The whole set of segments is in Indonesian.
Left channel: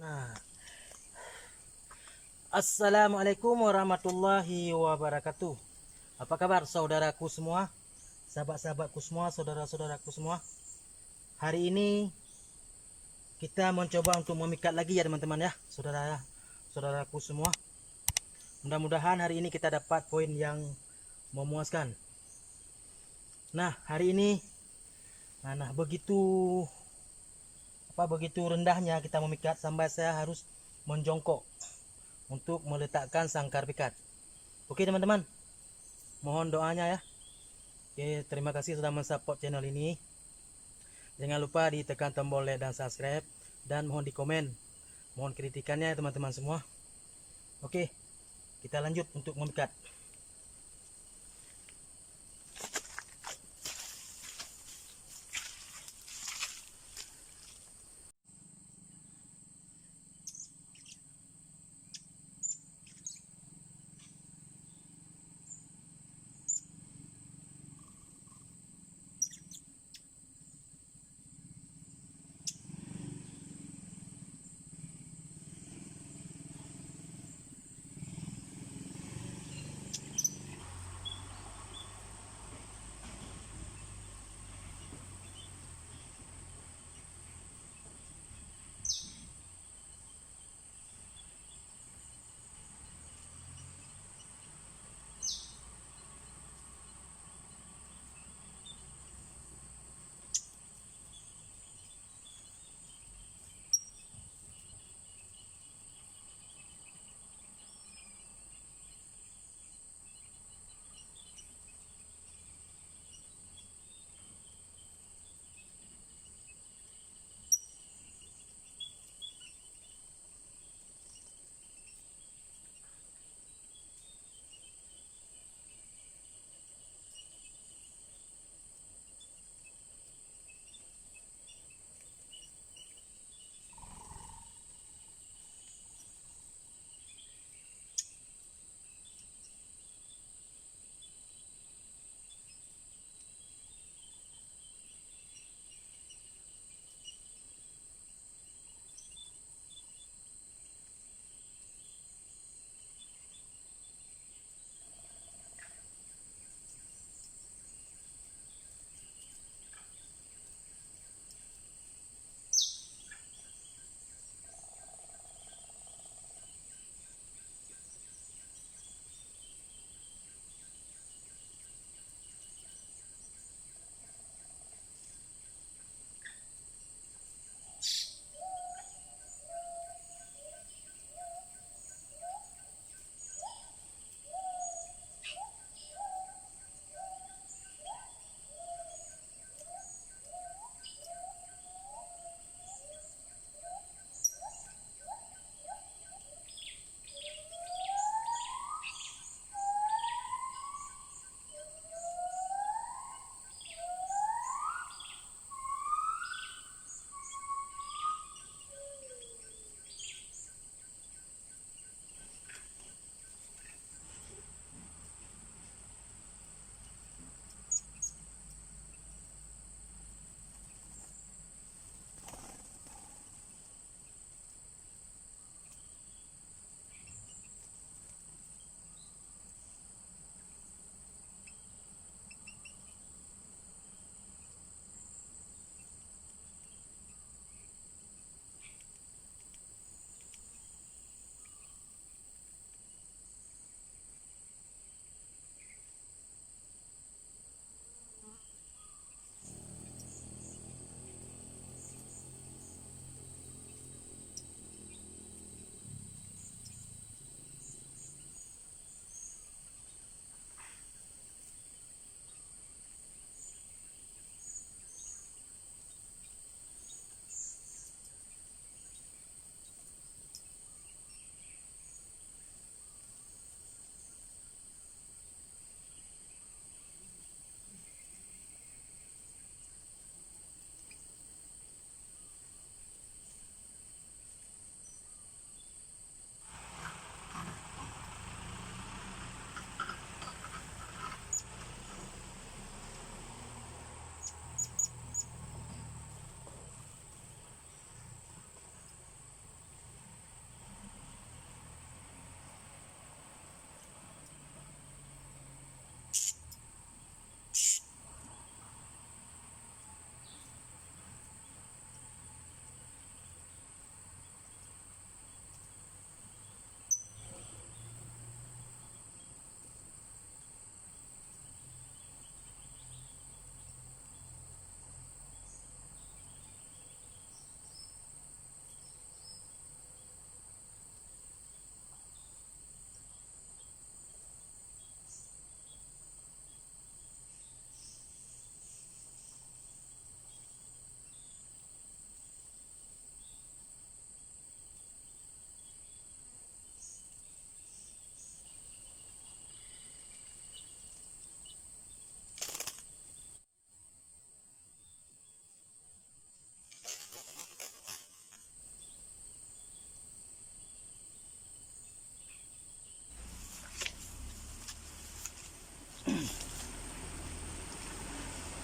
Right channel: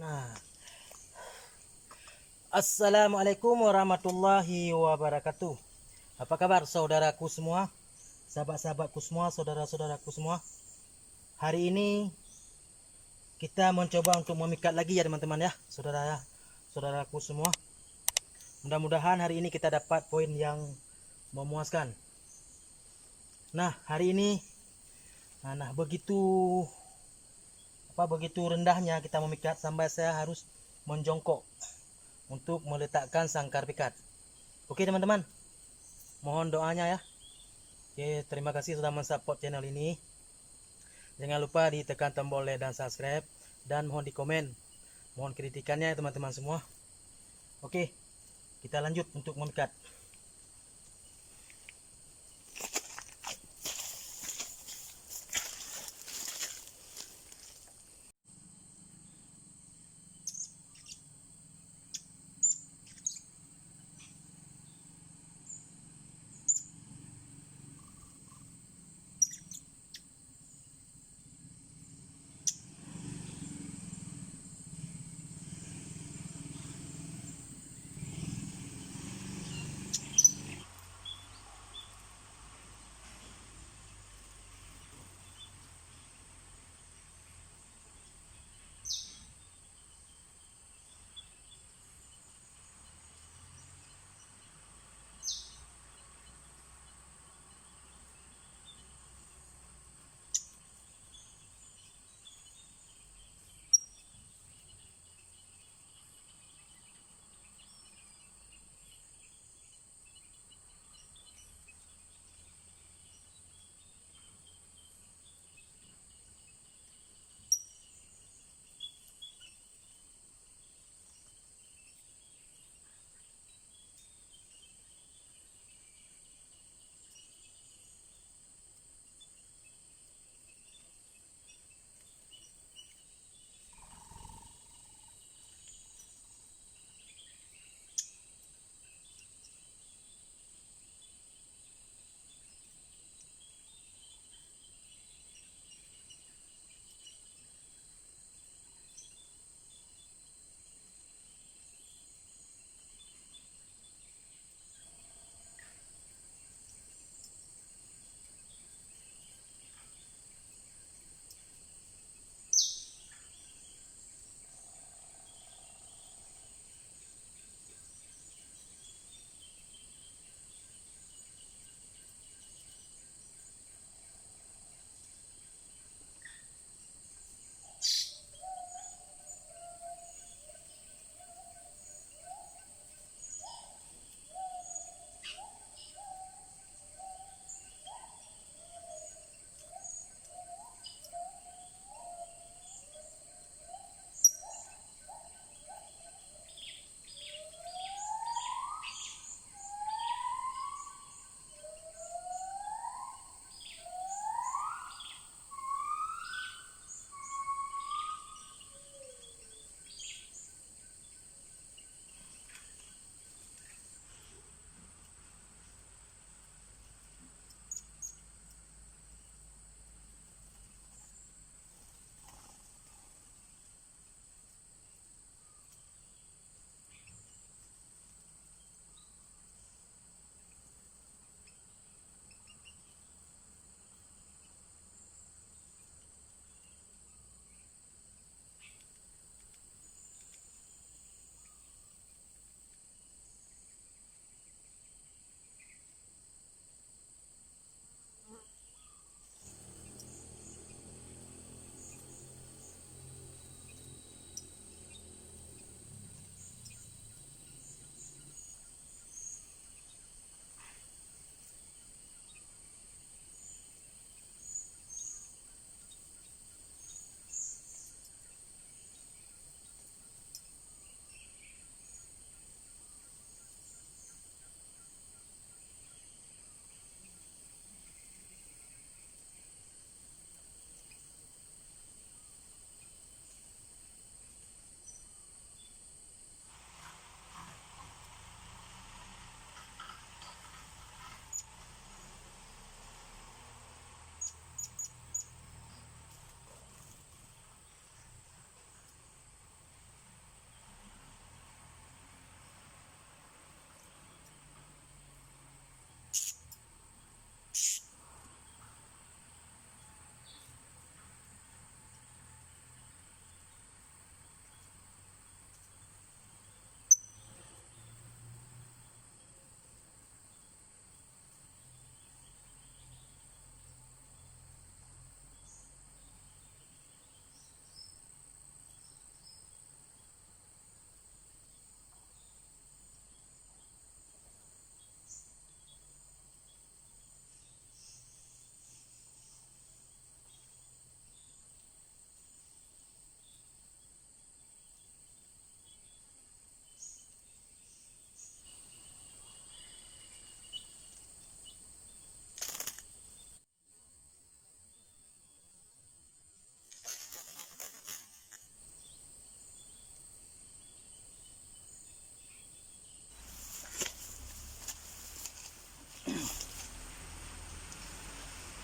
Nah, Assalamualaikum warahmatullahi wabarakatuh. Apa kabar saudaraku semua, sahabat-sahabatku semua, saudara-saudaraku semua? Hari ini kita mencoba untuk memikat lagi ya teman-teman ya, saudaraku semua. Mudah-mudahan hari ini kita dapat poin yang memuaskan. Nah, hari ini begitu rendahnya kita memikat sampai saya harus menjongkok untuk meletakkan sangkar pikat. Oke teman-teman, mohon doanya ya. Oke, terima kasih sudah mensupport channel ini. Jangan lupa ditekan tombol like dan subscribe, dan mohon di komen, mohon kritikannya ya teman-teman semua. Oke, kita lanjut untuk memikat.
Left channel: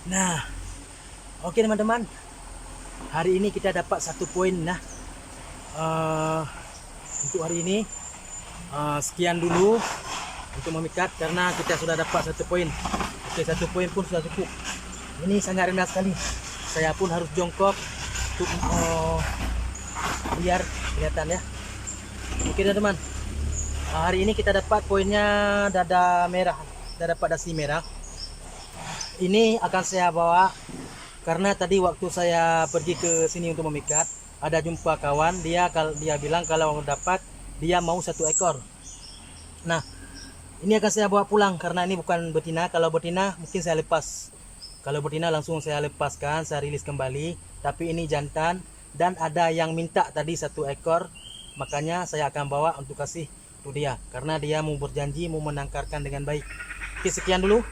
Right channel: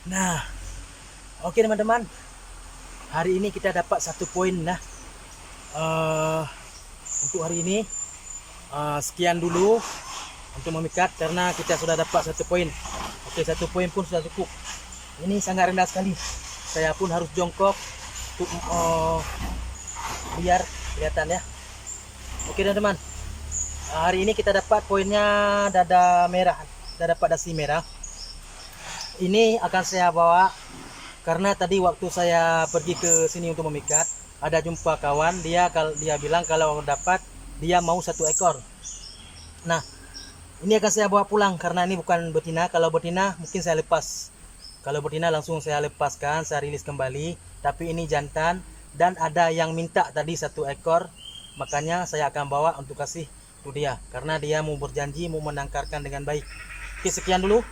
Nah, oke teman-teman, hari ini kita dapat 1 poin. Nah, untuk hari ini sekian dulu untuk memikat, karena kita sudah dapat 1 poin. Oke, 1 poin pun sudah cukup. Ini sangat rendah sekali. Saya pun harus jongkok untuk biar kelihatan ya. Oke teman-teman, hari ini kita dapat poinnya dada merah, dapat dasi merah. Ini akan saya bawa karena tadi waktu saya pergi ke sini untuk memikat, ada jumpa kawan, dia bilang kalau dapat dia mau 1 ekor. Nah, ini akan saya bawa pulang karena ini bukan betina. Kalau betina mungkin saya lepas. Kalau betina langsung saya lepaskan, saya rilis kembali. Tapi ini jantan dan ada yang minta tadi 1 ekor. Makanya saya akan bawa untuk kasih untuk dia karena dia mau berjanji mau menangkarkan dengan baik. Oke, sekian dulu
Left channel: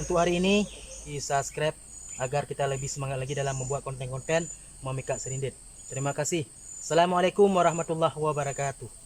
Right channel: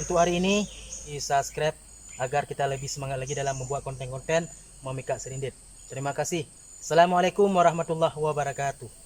untuk hari ini. Subscribe agar kita lebih semangat lagi dalam membuat konten-konten memikat serindit. Terima kasih. Assalamualaikum warahmatullahi wabarakatuh.